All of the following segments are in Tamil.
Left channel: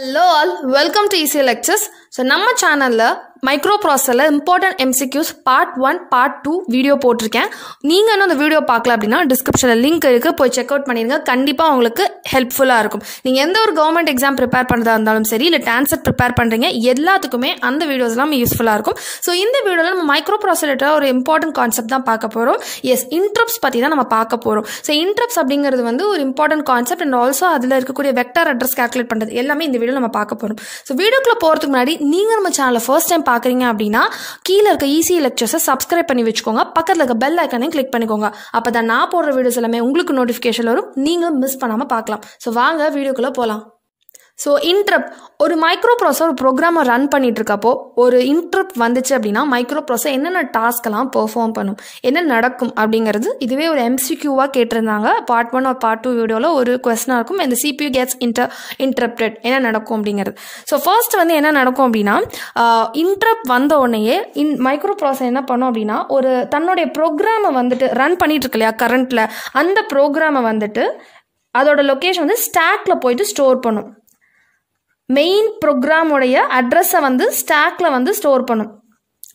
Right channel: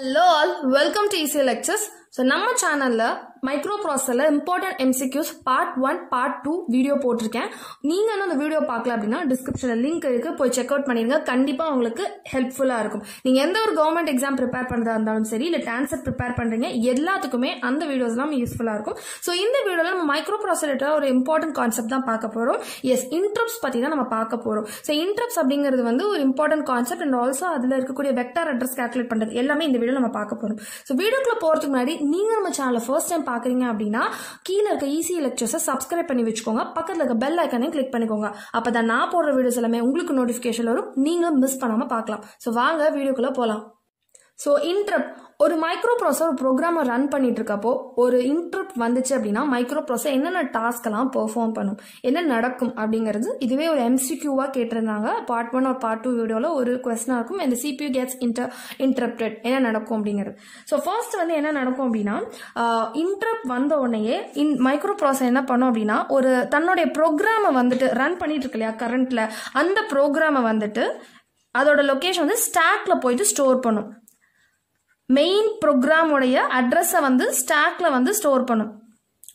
Hello all, welcome to ECL Lectures. So நம்ம சேனல்ல மைக்ரோப்ராசஸர்ல important MCQs part 1 part 2 video போட்டிருக்கேன். நீங்க இன்னும் அந்த வீடியோ பார்க்கல அப்படின்னா டிஸ்கிரிப்ஷன்ல லிங்க் இருக்கு, போய் செக் அவுட் பண்ணிருங்க. கண்டிப்பா உங்களுக்கு ஹெல்ப்ஃபுல்லா இருக்கும். நீங்க எந்த ஒரு கவர்மெண்ட் எக்ஸாம் ப்ரிப்பேர் பண்றதா இருந்தாலும் சரி, இல்ல டான்செட் ப்ரிப்பேர் பண்றீங்க, எல்லாத்துக்குமே அந்த வீடியோஸ் எல்லாம் யூஸ்ஃபுல்லா இருக்கும். ஸோ இந்த வீடியோல நம்ம மைக்ரோப்ராசஸர் ஒரு இம்பார்ட்டன்ட் கான்செப்ட் தான் பார்க்க போறோம். எஸ், இன்டரப்ட்ஸ் பத்தி தான் நம்ம பார்க்க போறோம். ஸோ இன்டரப்ட்ஸ் அப்படிங்கிறது வந்து ஒரு இம்பார்ட்டன்ட் கான்செப்ட் அண்ட் ஆல்சோ அதுல இருக்கக்கூடிய வெக்டார் அட்ரஸ் கால்குலேட் பண்றது எல்லாமே இந்த வீடியோ நம்ம பார்க்க போறோம். ஸோ வீடியோக்குள்ள போறதுக்கு முன்னாடி நீங்க நம்ம சேனலை ஃபர்ஸ்ட் டைம் பார்க்குறீங்க அப்படின்னா கீழே இருக்க ECL லெக்சர்ஸை சப்ஸ்கிரைப் பண்ணி வச்சுக்கோங்க. பக்கத்தில் இருக்க பெல் ஐக்கனையும் கிளிக் பண்ணிக்கோங்க. அப்போ தான் நான் போடுற வீடியோஸ் எல்லாமே உங்களுக்கு நோட்டிஃபிகேஷன் வரும், நீங்களும் மிஸ் பண்ணாமல் பார்க்கலாம். ஸோ வாங்க வீடியோக்குள்ளே போகலாம். ஸோ இன்டரப்ட், ஒரு மைக்ரோப்ராசஸர் ஒரு ப்ரோக்ராமை ரன் பண்ணிட்டு இருக்கப்போ ஒரு இன்டரப்ட் வந்துச்சு அப்படின்னா மைக்ரோப்ராசஸர் என்னென்ன டாஸ்க்கெல்லாம் பெர்ஃபார்ம் பண்ணும், என்ன நடக்கும் அப்படிங்கிறது இதுவே ஒரு MCQவாக கேட்டிருந்தாங்க. பார்ட் 1 ஒரு பார்ட் 2 வீடியோவில் ஒரு கொஸ்டினாக இருக்கும். இந்த CPU gets interrupted என்ன நடக்கும் அப்படிங்கிறது. ஸோ ஃபர்ஸ்ட் வந்து என்ன நடக்கும் அப்படின்னா, இன்டரப்ட் வந்த உடனேயே மைக்ரோப்ராசஸர் என்ன பண்ணும் அப்படின்னா, ஒரு தன்னுடைய ப்ரோக்ராமை வந்துட்டு ரன் பண்ணிட்டு இருக்கு இல்லையா கரண்ட்டில், அந்த ப்ரோக்ராமை வந்துட்டு அதோட லொக்கேஷன் வந்து ஸ்டாக்ல போயிட்டு ஸ்டோர் பண்ணும். மெயின் ப்ரோக்ராமோடைய அட்ரஸை வந்து ஸ்டாக்ல வந்து ஸ்டோர் பண்ணும்.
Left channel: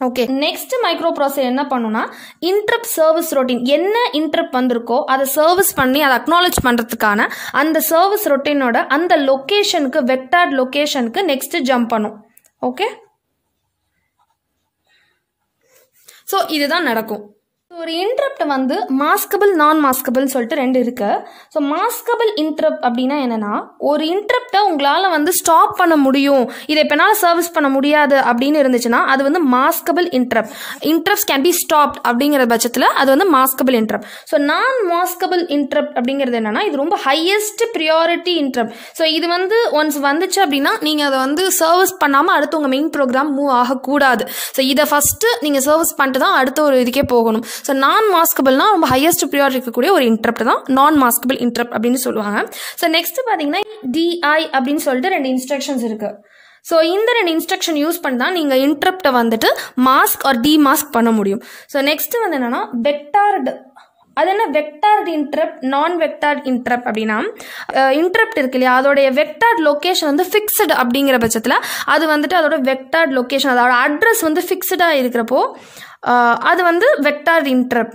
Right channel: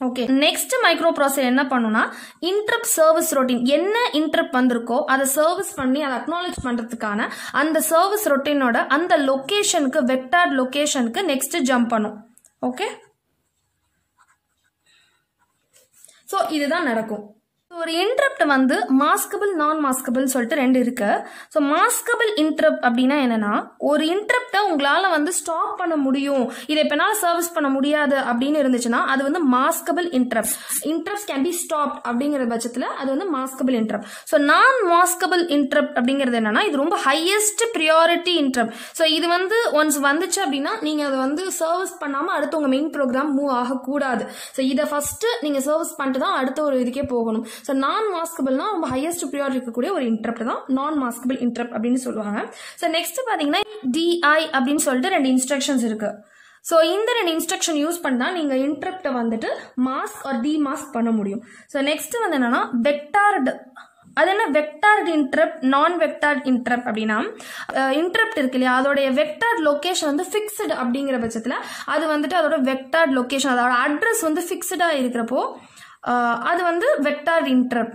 ஓகே, நெக்ஸ்ட் மைக்ரோப்ராசஸர் என்ன பண்ணும்னா, இன்டரப்ட் சர்வீஸ் ரொட்டீன், என்ன இன்டரப்ட் வந்திருக்கோ அதை சர்வீஸ் பண்ணி அதை அக்னாலேஜ் பண்றதுக்கான அந்த சர்வீஸ் ரொட்டீனோட அந்த லொகேஷனுக்கு, வெக்டார்ட் லொகேஷனுக்கு நெக்ஸ்ட் ஜம்ப் பண்ணும். ஓகே, ஸோ இதுதான் நடக்கும். ஒரு இன்டரப்ட் வந்து மாஸ்கபிள், நான் மாஸ்கபிள் சொல்லிட்டு ரெண்டு இருக்கு. ஸோ மாஸ்கபிள் இன்டரப்ட் அப்படின்னா என்னன்னா, ஒரு இன்டரப்டை உங்களால வந்து ஸ்டாப் பண்ண முடியும், இதை இப்போ என்னால் சர்வீஸ் பண்ண முடியாது அப்படின்னு இருந்துச்சுன்னா அது வந்து maskable interrupt. Interrupts can be stopped அப்படிங்கிற பட்சத்தில் அது வந்து மாஸ்கபிள் இன்டரப்ட். ஸோ நான் மாஸ்கபிள் இன்டரப்ட் அப்படிங்கிறது என்னன்னா, இது ரொம்ப ஹையஸ்ட் ப்ரியாரிட்டி இன்டரப்ட். ஸோ இது வந்து ஒன்ஸ் வந்துச்சு அப்படின்னா நீங்கள் அதை வந்து சர்வீஸ் பண்ணாமல் அடுத்து உங்கள் மெயின் ப்ரோக்ராம் மூவ் ஆகக்கூடாது. ஸோ இதை ஃபர்ஸ்ட் நீங்கள் சர்வீஸ் பண்ணிட்டு தான் அடுத்த ஒரு இதுக்கே போகணும். ஸோ நான் மாஸ்கபிள்னா ரொம்ப ஹையஸ்ட் ப்ரியாரிட்டி இருக்கக்கூடிய ஒரு இன்டரப்ட் தான் நான் மாஸ்கபிள் இன்டரப்ட் அப்படின்னு சொல்லுவாங்க. ஸோ நெக்ஸ்ட் பார்த்தீங்கன்னா DI அப்படின்னு சொல்லிட்டு ரெண்டு இன்ஸ்ட்ரக்ஷன்ஸ் இருக்கு. ஸோ இந்த ரெண்டு இன்ஸ்ட்ரக்ஷன் யூஸ் பண்ணி தான் நீங்கள் இன்டரப்டை வந்துட்டு மாஸ்க் ஆர் டிமாஸ்க் பண்ண முடியும். ஸோ நெக்ஸ்ட் வந்து என்னன்னா வெக்டார்டு. அது என்ன வெக்டார்ட் இன்டரப்ட், நான் வெக்டார்ட் இன்டரப்ட் அப்படின்னா, இன்டரப்ட் இருக்கு இல்லையா அதோடைய வெக்டார்ட் லொகேஷன் வந்து ஃபிக்ஸ்டு அப்படிங்கிற பட்சத்தில் அது வந்துட்டு அதோட வெக்டார்ட் லொகேஷன், அதோட அட்ரஸ் வந்து ஃபிக்ஸ்டாக இருக்கிறப்போ அது வந்து வெக்டார் இன்டரப்ட்.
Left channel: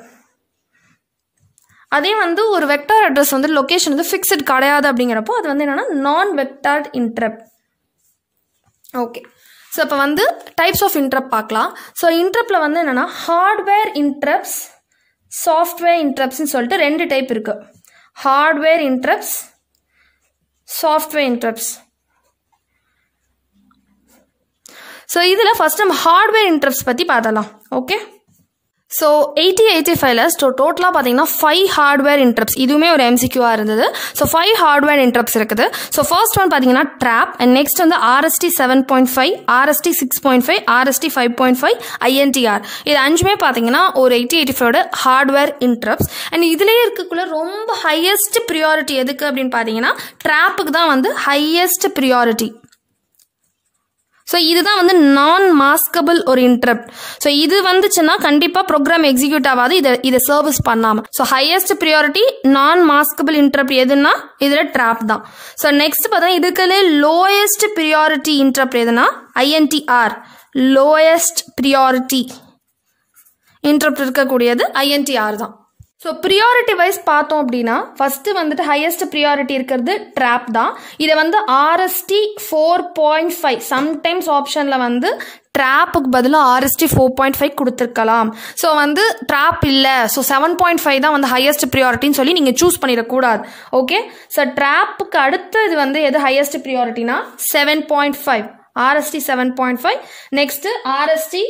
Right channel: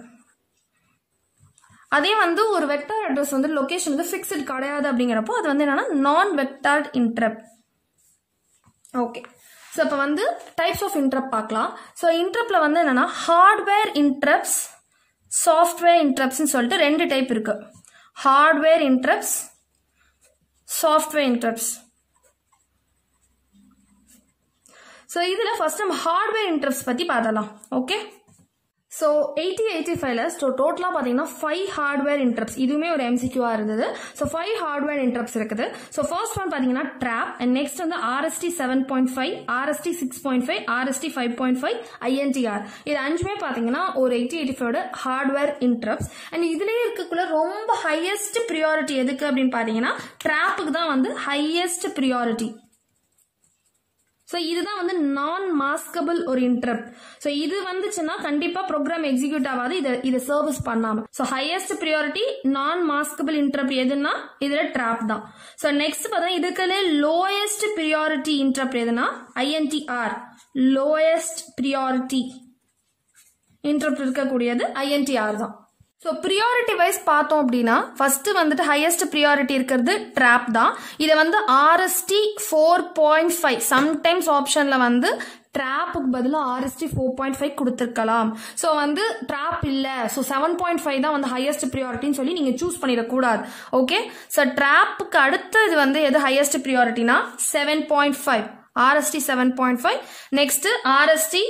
அதே வந்து ஒரு வெக்டார் அட்ரஸ் வந்து லொகேஷன் வந்து ஃபிக்ஸ்ட் கிடையாது அப்படிங்கிறப்போ அது வந்து என்னன்னா நான் வெக்டார் இன்டரப்ட். ஓகே, ஸோ இப்போ வந்து டைப்ஸ் ஆஃப் இன்டரப்ட் பார்க்கலாம். ஸோ இன்டரப்ட்ல வந்து என்னன்னா ஹார்ட்வேர் இன்டரப்ட்ஸ், சாஃப்ட்வேர் இன்டரப்ட்ஸ்ன்னு சொல்லிட்டு ரெண்டு டைப் இருக்கு. Hardware interrupts, software interrupts. So இதில் ஃபர்ஸ்ட் நம்ம ஹார்ட்வேர் இன்டரப்ட்ஸ் பற்றி பார்த்தலாம். ஓகே, ஸோ 8085ல டோட்டலாக பார்த்தீங்கன்னா 5 ஹார்ட்வேர் இன்டரப்ட்ஸ், இதுவுமே ஒரு MCQவாக இருந்தது. ஸோ 5 ஹார்ட்வேர் இன்டரப்ட்ஸ் இருக்குது. ஸோ ஃபர்ஸ்ட் ஒன் பார்த்தீங்கன்னா ட்ராப், அண்ட் நெக்ஸ்ட் வந்து RST 7.5, RST 6.5, RST 5.5, INTR. இது அஞ்சுமே பார்த்தீங்கன்னா ஒரு 8085ஓட ஹார்ட்வேர் இன்டரப்ட்ஸ். அண்ட் இதுலேயே இருக்கக்குள்ள ரொம்ப ஹையஸ்ட் ப்ரியாரிட்டி எதுக்கு அப்படின்னு பார்த்தீங்கன்னா ட்ராப்புக்கு தான் வந்து ஹையஸ்ட் ப்ரியாரிட்டி. ஸோ இதுதான் வந்து நான் மாஸ்கபிள் ஒரு இன்டரப்ட். ஸோ இது வந்துச்சுன்னா கண்டிப்பாக ப்ரோக்ராம் எக்ஸிக்யூட் ஆகாது இதை சர்வீஸ் பண்ணாமல். ஸோ ஹையஸ்ட் ப்ரியாரிட்டி நான் மாஸ்கபிள் இன்டரப்ட் எதுனா இதில் ட்ராப் தான். ஸோ நெக்ஸ்ட் பார்த்தா இதுக்குள்ளே லோயஸ்ட் ப்ரியாரிட்டி இன்டரப்ட் எதுனா INTR, லோயஸ்ட் ப்ரியாரிட்டி இன்டரப்ட் இருக்கக்கூடியது INTR தான். ஸோ ப்ரியாரிட்டி வைஸ் பார்த்தோம் அப்படின்னா ஃபர்ஸ்ட் வந்துட்டு ஹையஸ்ட் ப்ரியாரிட்டி இருக்கிறது ட்ராப் தான். இதை வந்து RST 4.5, சம்டைம்ஸ் ஆப்ஷனில் வந்து ட்ராப்புக்கு பதிலாக RST 4.5 கொடுத்துருக்கலாம். ஸோ வந்து ட்ராப் இல்லை, ஸோ 7.5 தான் வந்து ஹையஸ்ட் ப்ரியாரிட்டின்னு சொல்லி நீங்கள் சூஸ் பண்ணிடக்கூடாது. ஓகே, ஸோ ட்ராப்புக்கு அடுத்து இது வந்து எது ஹையஸ்ட் ப்ரியாரிட்டினா 7.5, RST 7.5, next RST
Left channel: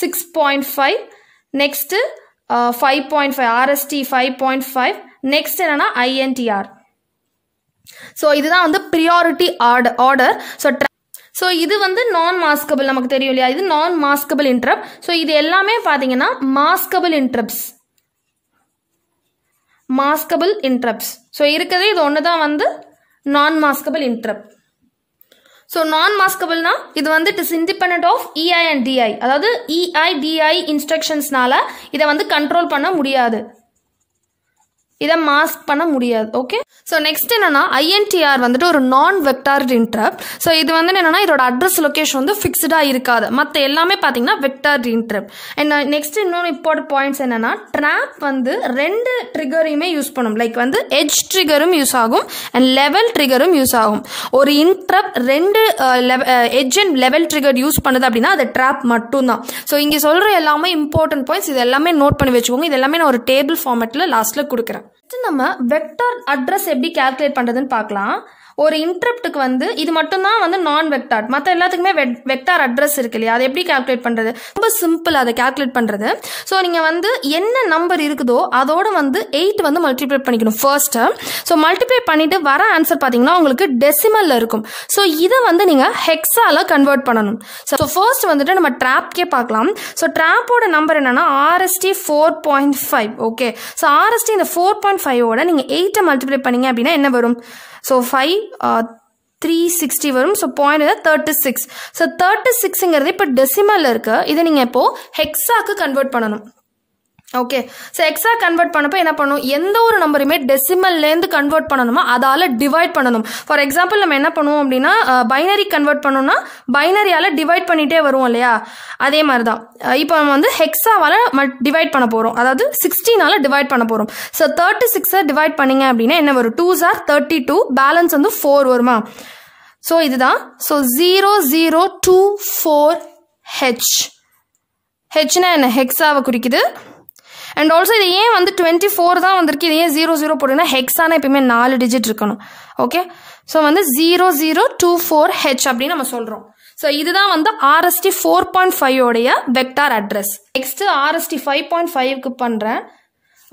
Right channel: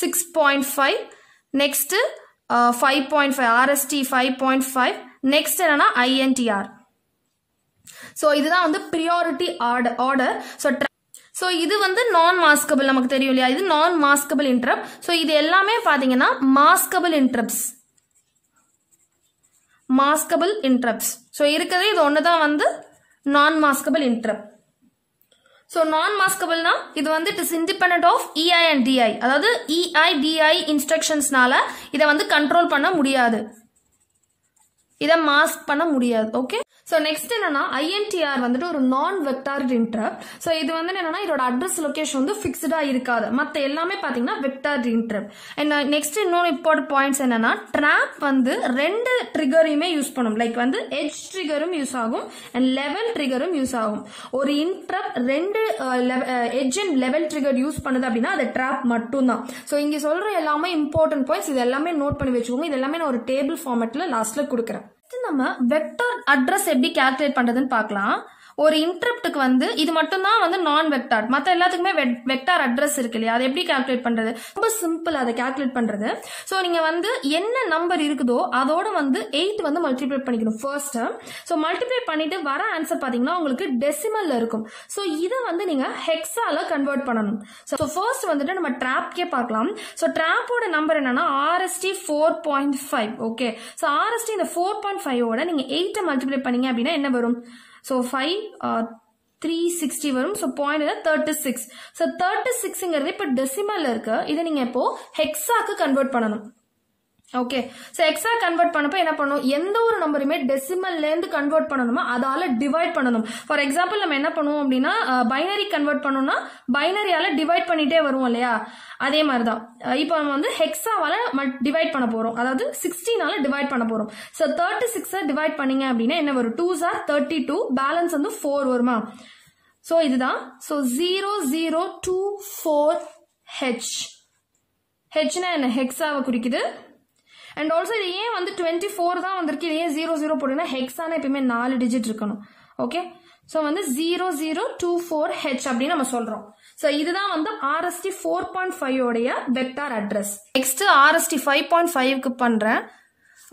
6.5, next 5.5, RST 5.5, next என்னன்னா INTR. ஸோ இதுதான் வந்து ப்ரியாரிட்டி ஆர்டர். ஸோ இது வந்து நான் மாஸ்கபிள், நமக்கு தெரியும் இல்லையா, இது நான் மாஸ்கபிள் இன்டரப்ட். ஸோ இது எல்லாமே பார்த்தீங்கன்னா maskable interrupts, maskable interrupts. So இருக்கிறது இது ஒன்று தான் வந்து நான் மாஸ்கபிள் இன்டரப்ட். ஸோ நான் மாஸ்கபிள்னா இது வந்து it is independent of EI and DI, அதாவது EI DI இன்ஸ்ட்ரக்ஷன்ஸ்னால இதை வந்து கண்ட்ரோல் பண்ண முடியாது. இதை மாஸ்க் பண்ண முடியாது. ஓகே, ஸோ நெக்ஸ்ட் என்னன்னா INTR வந்துட்டு ஒரு நான் வெக்டார்ட் இன்டரப்ட். ஸோ இது வந்து என்னன்னா இதோட அட்ரஸ் லொகேஷன் வந்து ஃபிக்ஸ்டாக இருக்காது, மற்ற எல்லாமே பார்த்தீங்கன்னா வெக்டார்ட் இன்டரப்ட். அண்ட் நெக்ஸ்ட் இன்னொரு இம்பார்ட்டன்ட் பாயிண்ட்ஸ் என்னன்னா ட்ராப் வந்து ரெண்டு ட்ரிகரையுமே யூஸ் பண்ணும். லைக் வந்து எட்ஜ் ட்ரிகரும் யூஸ் ஆகும் அண்ட் லெவல் ட்ரிகரும் யூஸ் ஆகும். ஒரு இன்டரப்ட் ரெண்டு edge and level trigger use பண்ணுது அப்படின்னா அது ட்ராப் மட்டும்தான். ஸோ இங்கே சொல்கிற எல்லாமே இம்பார்ட்டன்ட் பாயிண்ட்ஸ், இது எல்லாமே நோட் பண்ணி வச்சுக்கோங்க. இது எல்லாமே நான் ஒரு டேபிள் ஃபார்மேட்டில் லாஸ்ட்டில் கொடுக்குறேன். நம்ம வெக்டார் அட்ரஸ் எப்படி கால்குலேட் பண்ணுறதுன்னு பார்க்கலாம். ஒரு இன்டரப்ட்டுக்கு வந்து இது மட்டும்தான் வந்து நான் வெக்டார், மற்ற எல்லாத்துக்குமே வெக்டார் அட்ரஸ் இருக்கு இல்லையா, அதை எப்படி கால்குலேட் பண்ணுறது? ரொம்ப சிம்பிள் அதை கால்குலேட் பண்ணுறது. ஸோ நீங்கள் வந்து என்ன நம்பர் இருக்குதோ அதோட வந்து 8 வந்து மல்டிப்ளை பண்ணிக்கணும் ஃபர்ஸ்ட்டு. ஸோ மல்டிப்ளை பண்ணிட்டு வர ஆன்சர் பார்த்தீங்கன்னா உங்களுக்கு டெசிமலில் இருக்கும். ஸோ இதை வந்து நீங்கள் ஹெக்ஸால கன்வெர்ட் பண்ணணும். ஸோ ஃபர்ஸ்ட் வந்துட்டு நம்ம ட்ராப்கே பார்க்கலாம். ஸோ ட்ராப்போட நம்பர் என்னன்னா RST 4.5. ஓகே, ஸோ RST இந்த 4.5ஓட நீங்கள் 8 மல்டிப்ளை பண்ணீங்க அப்படின்னா என்ன வரும்? ஸோ 5 360 வரும். So point 36. ஸோ 36ங்கிறது இப்போ டெசிமலில் இருக்கு. இதை நீங்கள் இப்போ ஹெக்ஸாக்கு கன்வெர்ட் பண்ணணும். ஓகே, ஸோ ஹெக்ஸா கன்வெர்ட் பண்ணப்போ என்ன பண்ணும்? எந்த ஒரு நம்பருமே டெசிமல்லேருந்து கன்வெர்ட் பண்ணணுமா அதால் டிவைட் பண்ணணும். ஃபார் எக்ஸாம்பிள் நம்ம என்ன பண்ணுவோம் அப்படின்னா பைனரி கன்வெர்ட் பண்ணோம்னா பைனரியால் டிவைட் பண்ணிகிட்டே வருவோம் இல்லையா, அதே மாதிரி தான் இப்போ நம்ம வந்து ஹெக்ஸாவால் டிவைட் பண்ண போகிறோம், அதாவது 16ஆல் டிவைட் பண்ண போகிறோம். ஸோ 36 டிவைட் பண்ணிங்க அப்படின்னா என்ன வரும்? 2s are 32, பேலன்ஸ் வந்து 4 வருமா? ஸோ இதுதான். So 0024H. ஹெச்னா என்ன? ஹெக்ஸாவை குறிக்குது. அண்ட் ஆல்சோ இது ஏன் வந்து 24 தான் வந்திருக்கு, இது ஏன் 00 போட்டுன்னா ஹெக்ஸானா எப்பயுமே 4 டிஜிட் இருக்கணும். ஓகே, ஸோ வந்து 0024H அப்படின்னு நம்ம சொல்கிறோம். ஸோ இதுதான் வந்து RST 4.5 vector address. Next RST 5.5க்கு பண்ணுறேன்.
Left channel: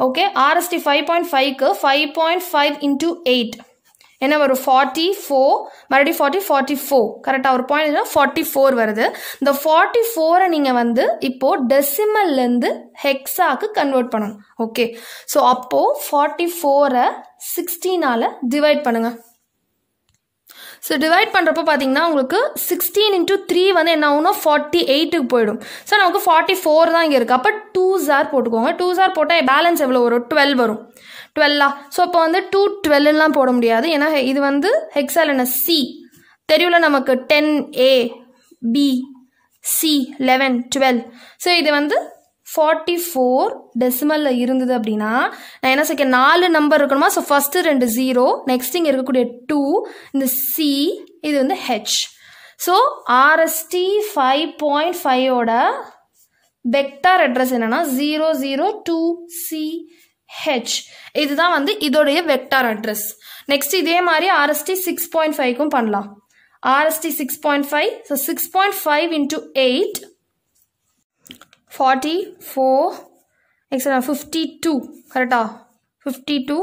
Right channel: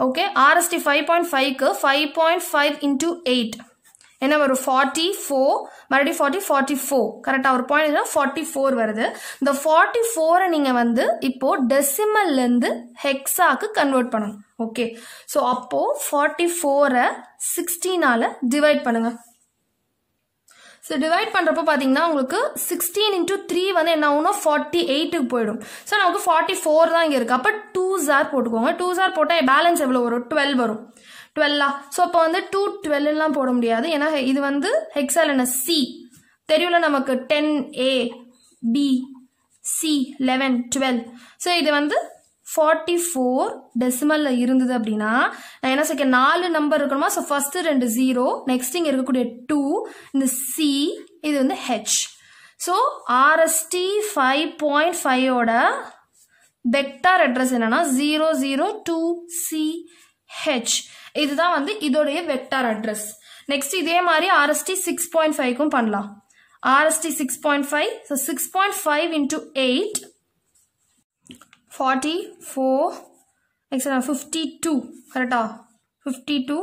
ஓகே, RST 5.5க்கு 5.5 into 8 என்ன வரும்? 44, மறுபடியும் 40, 44. கரெக்டாக ஒரு பாயிண்ட் 44 வருது. இந்த 44 நீங்கள் வந்து இப்போ டெசிமல்லேருந்து ஹெக்ஸாக்கு கன்வெர்ட் பண்ணணும். ஓகே, ஸோ அப்போது 44 16ஆல் டிவைட் பண்ணுங்கள். ஸோ டிவைட் பண்ணுறப்போ பார்த்தீங்கன்னா உங்களுக்கு 16 into 3 வந்து என்ன ஆகும்னா 48க்கு போயிடும். ஸோ நமக்கு 44 தான் இங்கே இருக்குது. அப்போ 2s போட்டுக்கோங்க. 2s போட்டால் பேலன்ஸ் எவ்வளோ வரும்? 12 வரும். 12. ஸோ அப்போ வந்து 212லாம் போட முடியாது, ஏன்னா இது வந்து ஹெக்ஸால் என்ன C தெரியல நமக்கு. 10A B C 11 12. ஸோ இது வந்து 44 டெசிமலில் இருந்தது அப்படின்னா நான் என்ன செய்ய 4 நம்பர் இருக்கணுமா? ஸோ ஃபஸ்ட்டு 2 0, நெக்ஸ்ட் இங்கே இருக்கக்கூடிய 2, இந்த C, இது வந்து H. ஸோ RST 5.5ஓட வெக்டார் அட்ரஸ் என்னன்னா 002CH. இதுதான் வந்து இதோடைய வெக்டார் அட்ரஸ். நெக்ஸ்ட் இதே மாதிரி RST 6.5க்கும் பண்ணலாம். RST 6.5, so 6.5 into 8 44 extra 52. கரெக்டா? 52.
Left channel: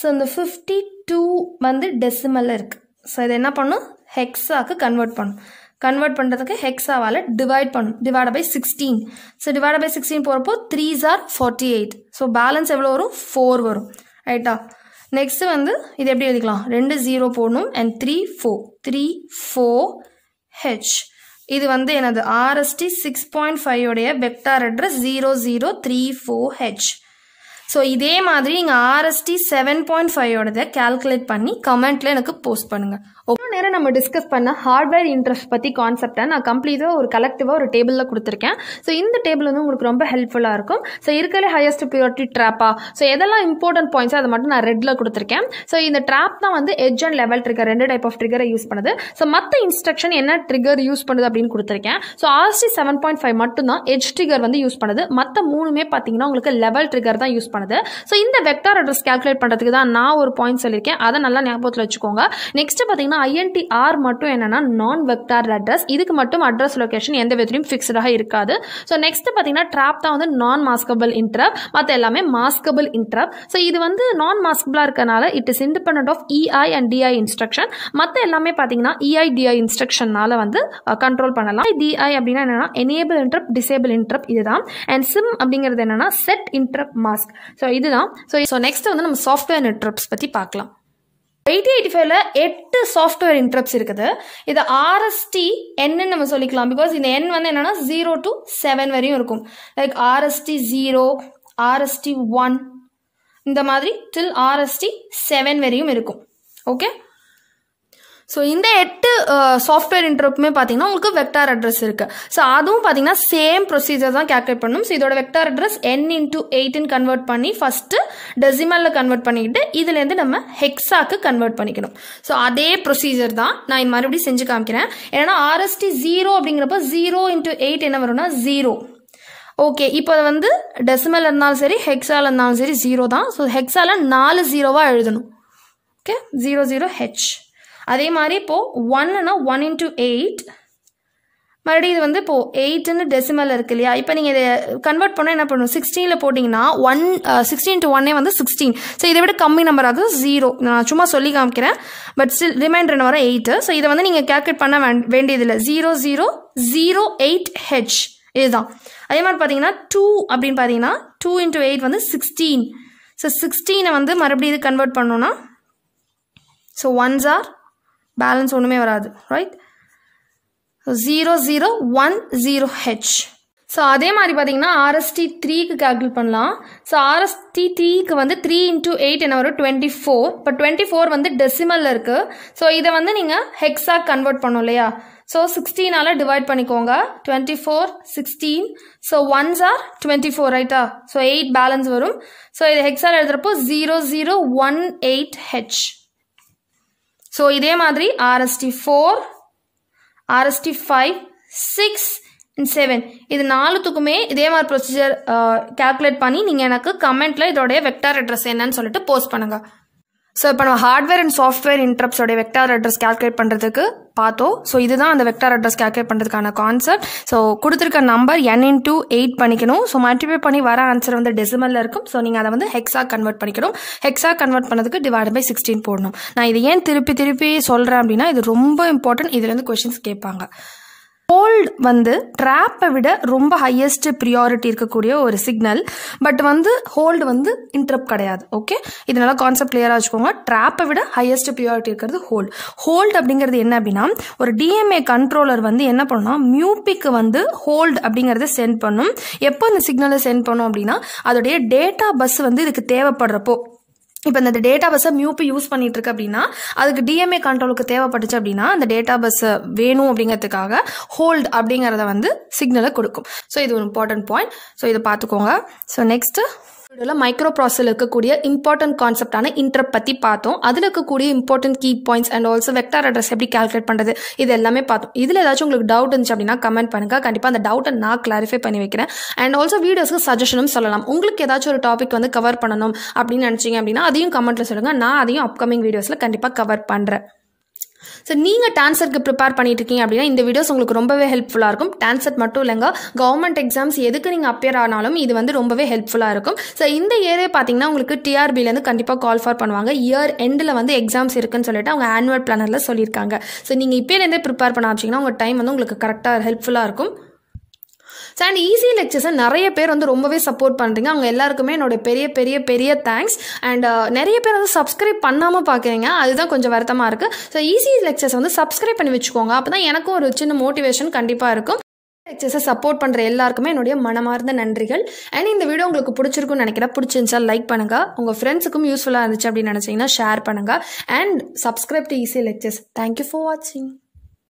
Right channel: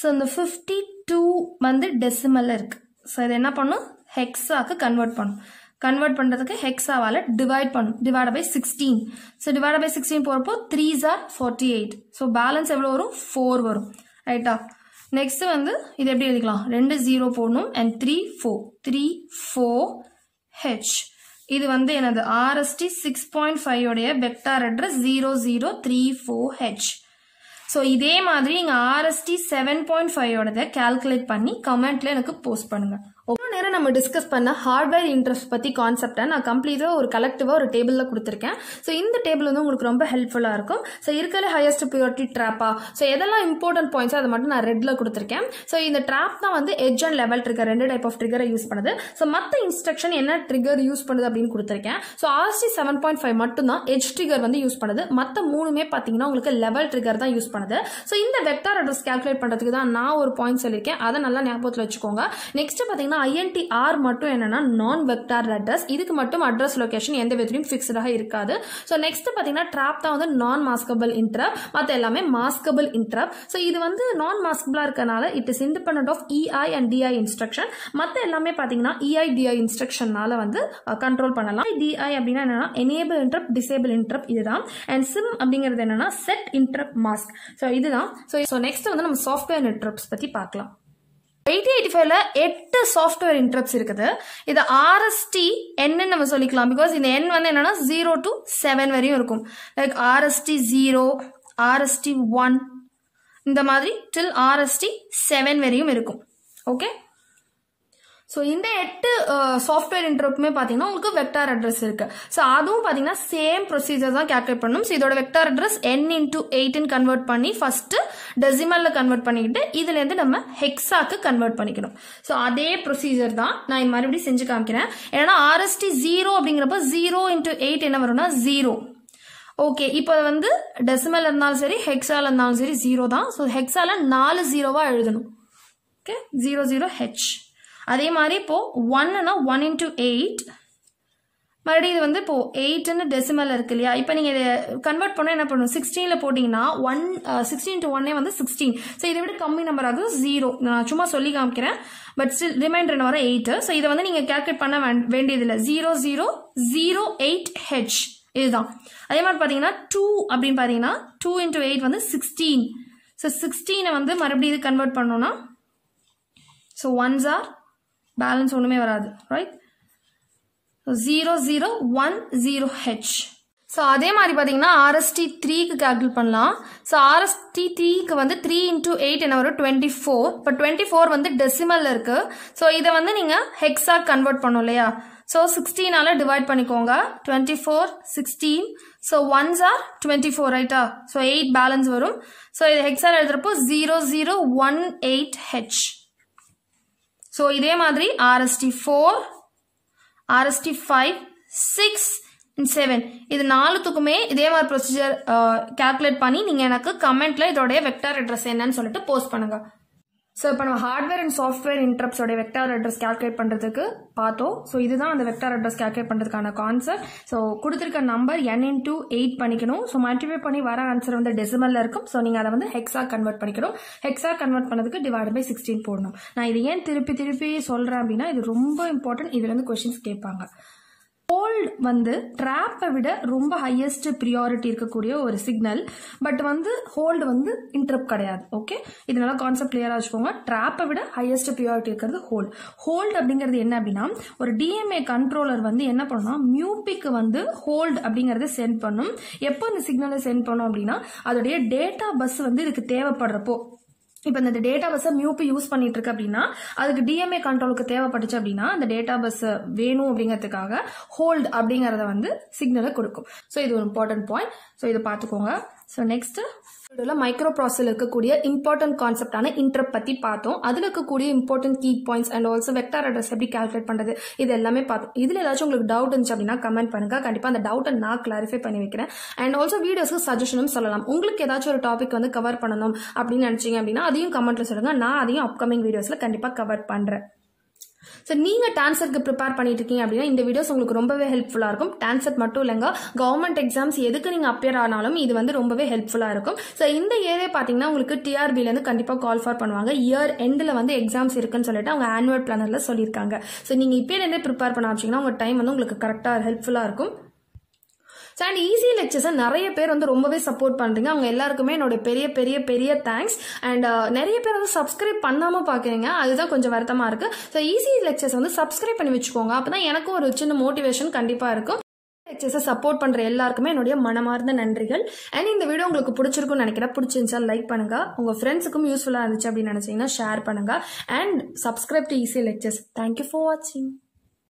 ஸோ இந்த 52 வந்து டெசிமலில் இருக்குது. ஸோ இது என்ன பண்ணும்? ஹெக்ஸாக்கு கன்வெர்ட் பண்ணும். கன்வெர்ட் பண்ணுறதுக்கு ஹெக்ஸாவால் டிவைட் பண்ணும். Divide by 16. So divide by 16 போகிறப்போ 3s are 48. ஸோ பேலன்ஸ் எவ்வளோ வரும்? 4 வரும். ரைட்டா? நெக்ஸ்ட் வந்து இது எப்படி எழுதிக்கலாம்? 2 0 போடணும் அண்ட் 3 4 3 4H. இது வந்து எனது RST 6.5 vector address 0034H. So இதே மாதிரி நீங்கள் RST 7.5 கால்குலேட் பண்ணி கமெண்ட்ல எனக்கு போஸ்ட் பண்ணுங்க. ஒவ்வொரு நேரம் நம்ம டிஸ்கஸ் பண்ண ஹார்ட்வேர் இன்ட்ரெஸ்ட் பற்றி கான்செப்டை நான் கம்ப்ளீட்டாக ஒரு கலெக்டிவாக ஒரு டேபிளில் கொடுத்துருக்கேன். ஸோ இந்த டேபிள் வந்து உங்களுக்கு ரொம்ப ஹெல்ப்ஃபுல்லாக இருக்கும். ஸோ இருக்கிற ஹையஸ்ட் ப்ரியாரிட்டி ட்ராப்பா, ஸோ எதெல்லாம் இம்பார்ட்டன்ட் பாயிண்ட்ஸோ அதை மட்டும் நான் ரெட்டில் கொடுத்துருக்கேன். ஸோ இந்த ட்ராப் தான் வந்து edge and level trigger 2 type of ட்ரிகரை யூஸ் பண்ணுது. ஸோ மற்ற இன்ஸ்ட்ரக்ஷன் என்ன ட்ரிகர் யூஸ் பண்ணுது அப்படின்னு கொடுத்துருக்கேன். ஸோ RST 7.5 மட்டும்தான் எட்ஜ் ட்ரிகர் வந்து யூஸ் பண்ணுது. மற்ற 3மே பார்த்தீங்கன்னா உங்களுக்கு லெவல் ட்ரிகர் தான் யூஸ் பண்ணுது. ஸோ இந்த வெக்டார் அட்ரஸ் கால்குலேட் பண்ணுறதுக்கு தான் நான் ஒரு பாயிண்ட் சொல்லியிருக்கேன், அதை நல்லா ஞாபகத்தில் வச்சுக்கோங்க. நெக்ஸ்ட் பார்த்தீங்கன்னா INTR மட்டும் என்னன்னா நான் வெக்டார் அட்ரஸ். இதுக்கு மட்டும் அட்ரஸ் லொகேஷன் எந்த விதத்திலும் ஃபிக்ஸ்டாக இருக்காது. ஸோ நெக்ஸ்ட் பார்த்தீங்கன்னா ட்ராப் தான் வந்து நான் மாஸ்கபிள் இன்டரப்ட், மற்ற எல்லாமே மாஸ்கபிள் இன்டரப்ட். ஸோ இது வந்து நான் மாஸ்கபிளாக இருக்கனால it is independent of EI and DI instruction. மற்ற எல்லாமே பார்த்தீங்கன்னா EI DI இன்ஸ்ட்ரக்ஷனால வந்து கண்ட்ரோல் பண்ணலாம். DI அப்படின்னா என்னன்னா எனேபிள் இன்டரப்ட், டிசேபிள் இன்டரப்ட் இதுதான். அண்ட் SIM அப்படிங்கிறது என்னன்னா செட் இன்டரப்ட் மாஸ்க். ஸோ இதுதான். ஸோ நெக்ஸ்ட் வந்து நம்ம சாஃப்ட்வேர் இன்டரப்ட்ஸ் பற்றி பார்க்கலாம். 8085ல 8 சாஃப்ட்வேர் இன்டரப்ட்ஸ் இருக்குது. இது RST N நம்ம சொல்லிக்கலாம். பிகாஸ் இந்த N வந்து என்னன்னா 0 to 7 வரையும் இருக்கும். லைக் RST 0, RST 1, இந்த மாதிரி till RST 7 வரையும் இருக்கும். ஓகே, ஸோ இந்த 8 சாஃப்ட்வேர் இன்டரப்ட்டுமே பார்த்தீங்கன்னா உங்களுக்கு வெக்டார் அட்ரஸ் இருக்கு. ஸோ அதுவும் பார்த்தீங்கன்னா சேம் ப்ரொசீஜர் தான் கேல்குலேட் பண்ணணும். ஸோ இதோட vector address n into 8 convert பண்ணி ஃபர்ஸ்ட் டெசிமலில் கன்வெர்ட் பண்ணிக்கிட்டு இதுலேருந்து நம்ம ஹெக்ஸாக்கு கன்வெர்ட் பண்ணிக்கணும். ஸோ அதே ப்ரொசீஜர் தான் நான் மறுபடியும் செஞ்சு காமிக்கிறேன். ஏன்னா RST 0 அப்படிங்கிறப்ப 0 into 8 என்ன வரும்னா 0. ஓகே, இப்போ வந்து டெசிமல் இருந்தாலும் சரி ஹெக்ஸால் இருந்தாலும் சரி 0 தான். ஸோ ஹெக்ஸால 4 0வா எழுதணும். Okay, 00H. அதே மாதிரி இப்போ 1னா 1 into 8, மறுபடியும் இது வந்து இப்போ 8ன்னு டெசிமல் இருக்கு இல்லையா. இப்போ நீங்கள் இதை கன்வெர்ட் பண்ணால் என்ன பண்ணணும், 16ல் போட்டிங்கன்னா 16 into 1 வந்து 16. ஸோ இதை விட கம்மி நம்பர் ஆகும் 0. நான் சும்மா சொல்லி காமிக்கிறேன், பட் ஸ்டில் ரிமைண்டர் என்ன வர 8. ஸோ இதை வந்து நீங்கள் கேல்குலேட் பண்ண வேண்டியதில்லை. 0008H இதுதான். அதே மாதிரி பார்த்தீங்கன்னா 2 அப்படின்னு பார்த்தீங்கன்னா 2 into 8 வந்து 16. ஸோ 16 வந்து மறுபடியும் இது கன்வெர்ட் பண்ணோன்னா ஸோ ஒன்ஸ் ஆர் பேலன்ஸ் ஒன்றுமே வராது, ரைட். 0010H. ஸோ அதே மாதிரி பார்த்தீங்கன்னா RST 3க்கு கால்குலேட் பண்ணலாம். ஸோ RST 3க்கு வந்து 3 into 8 என்ன வரும் 24. இப்போ 24 வந்து டெசிமலில் இருக்குது. ஸோ இதை வந்து நீங்கள் ஹெக்ஸாக கன்வெர்ட் பண்ணோம் இல்லையா. ஸோ 16ஆல் டிவைட் பண்ணிக்கோங்க. 24 16. ஸோ ஒன்ஸ் ஆர் 24, ரைட்டா. ஸோ 8 பேலன்ஸ் வரும். ஸோ இது ஹெக்ஸால் எழுதுறப்போ 0018H. ஸோ இதே மாதிரி RST 4, RST 5, 6 and 7 இது 4த்துக்குமே இதே மாதிரி ப்ரொசீஜர் கால்குலேட் பண்ணி நீங்கள் எனக்கு கமெண்ட்டில் இதோடைய வெக்டார் அட்ரஸ் என்னன்னு சொல்லிட்டு போஸ்ட் பண்ணுங்கள். ஸோ இப்போ நம்ம ஹார்ட்வேர் அண்ட் சாஃப்ட்வேர் இன்டரப்ட்ஸோடைய வெக்டார் அட்ரஸ் கால்குலேட் பண்ணுறதுக்கு பார்த்தோம். ஸோ இதுதான் அந்த வெக்டார் அட்ரஸ் கால்குலேட் பண்ணுறதுக்கான கான்செப்ட். ஸோ கொடுத்துருக்க நம்பர் n into 8 பண்ணிக்கணும். ஸோ மல்டிப்ளை பண்ணி வர ஆன்சர் வந்து டெசிமலில் இருக்கும். ஸோ நீங்கள் அதை வந்து ஹெக்ஸாக கன்வெர்ட் பண்ணிக்கணும். ஹெக்ஸாக கன்வெர்ட் பண்ணதுக்கு டிவைட் பை 16 போடணும். நான் இது ஏன் திருப்பி சொல்கிறேன் அப்படின்னா இது ரொம்ப இம்பார்ட்டன்ட். இதுலேருந்து கொஸ்டின்ஸ் கேட்பாங்க. ஹோல்ட் வந்து ட்ராப்பை விட ரொம்ப ஹையஸ்ட் ப்ரியாரிட்டி இருக்கக்கூடிய ஒரு சிக்னல். பட் வந்து ஹோல்டு வந்து இன்டரப்ட் கிடையாது. ஓகே, இதனால கான்செப்ட் கிளியராக வச்சுக்கோங்க. ட்ராப்பை விட ஹையஸ்ட் ப்ரியாரிட்டி இருக்கிறது ஹோல்ட் அப்படிங்கிறது என்ன அப்படின்னா ஒரு DMA கண்ட்ரோலர் வந்து என்ன பண்ணுன்னா மியூபிக்கு வந்து ஹோல்டு அப்படிங்கிறத சென்ட் பண்ணும். எப்போ இந்த சிக்னலை சென்ட் பண்ணும் அப்படின்னா அதோடைய டேட்டா பஸ் வந்து இதுக்கு தேவைப்படுறப்போ. இப்போ இந்த டேட்டா பஸ்ஸை மியூபி யூஸ் பண்ணிட்டு இருக்கு அப்படின்னா அதுக்கு DMA கண்ட்ரோலுக்கு தேவைப்பட்டுச்சு அப்படின்னா அந்த டேட்டா பஸ் வேணும் அப்படிங்கிறதுக்காக ஹோல்ட் அப்படிங்கிறத வந்து சிக்னலை கொடுக்கும். ஸோ இது ஒரு இம்பார்ட்டன்ட் பாயிண்ட். ஸோ இதை பார்த்துக்கோங்க. ஸோ நெக்ஸ்ட்டு வீடியோவில் மைக்ரோ ப்ராசஸில் இருக்கக்கூடிய இம்பார்ட்டன்ட் கான்செப்டான இன்டரப்ட் பற்றி பார்த்தோம். அதில் இருக்கக்கூடிய important key points and also vector address எப்படி கால்குலேட் பண்ணுறது இது எல்லாமே பார்த்தோம். இதில் ஏதாச்சும் உங்களுக்கு டவுட் இருந்துச்சு அப்படின்னா கமெண்ட் பண்ணுங்கள். கண்டிப்பாக அந்த டவுட்டை நான் கிளாரிஃபை பண்ணி வைக்கிறேன். அண்ட் ஆல்சோ வீடியோஸ்க்கு சஜஷனும் சொல்லலாம். உங்களுக்கு ஏதாச்சும் ஒரு டாபிக் வந்து கவர் பண்ணணும் அப்படின்னு நினச்சிங்க அப்படின்னா அதையும் கமெண்ட்டில் சொல்லுங்கள். நான் அதையும் அப்கமிங் வீடியோஸில் கண்டிப்பாக கவர் பண்ணுறேன். ஸோ நீங்கள் டான்செட்க்கு ப்ரிப்பேர் பண்ணிட்டு இருக்கீங்க அப்படின்னா இந்த வீடியோஸ் உங்களுக்கு ரொம்பவே ஹெல்ப்ஃபுல்லாக இருக்கும். டான்செட் மட்டும் இல்லைங்க, கவர்மெண்ட் எக்ஸாம்ஸ் எதுக்கு நீங்கள் அப்பியர் ஆனாலும் இது வந்து ரொம்பவே ஹெல்ப்ஃபுல்லாக இருக்கும். ஸோ இந்த இயரே பார்த்தீங்கன்னா உங்களுக்கு TRBலேருந்து கண்டிப்பாக கால் ஃபார் பண்ணுவாங்க. இயர் எண்டில் வந்து எக்ஸாம்ஸ் இருக்குன்னு சொல்லிட்டு அவங்க ஆனுவல் பிளானரில் சொல்லியிருக்காங்க. ஸோ நீங்கள் இப்போலேருந்தே ப்ரிப்பேர் பண்ண ஆரம்பிச்சிங்கன்னா உங்கள் டைம் வந்து உங்களுக்கு கரெக்டாக ஹெல்ப்ஃபுல்லாக இருக்கும். ஸோ அண்ட் ஈஸி லெக்சர்ஸை நிறைய பேர் வந்து ரொம்பவே சப்போர்ட் பண்ணுறீங்க. அவங்க எல்லாருக்குமே என்னோட பெரிய தேங்க்ஸ். அண்ட் நிறைய பேர் வந்து சப்ஸ்கிரைப் பண்ணாமல் பார்க்குறீங்க, அதுதான் கொஞ்சம் வருத்தமாக இருக்குது. ஸோ ஈஸி லெக்சர்ஸ் வந்து சப்ஸ்கிரைப் பண்ணி வச்சுக்கோங்க. அப்போ தான் எனக்கும் ஒரு சின்ன மோட்டிவேஷன் கண்டிப்பாக இருக்கும். லெக்சர்ஸை சப்போர்ட் பண்ணுற எல்லாருக்குமே என்னுடைய மனமார்ந்த நன்றிகள். அண்ட் இந்த வீடியோ உங்களுக்கு பிடிச்சிருக்குன்னு நினைக்கிறேன். பிடிச்சிருந்துச்சா லைக் பண்ணுங்கள். உங்கள் ஃப்ரெண்ட்ஸுக்கும் யூஸ்ஃபுல்லாக இருந்துச்சு அப்படின்னு நினச்சிங்கன்னா ஷேர் பண்ணுங்கள். And subscribe to easy lectures. Thank you for வாட்சிங்.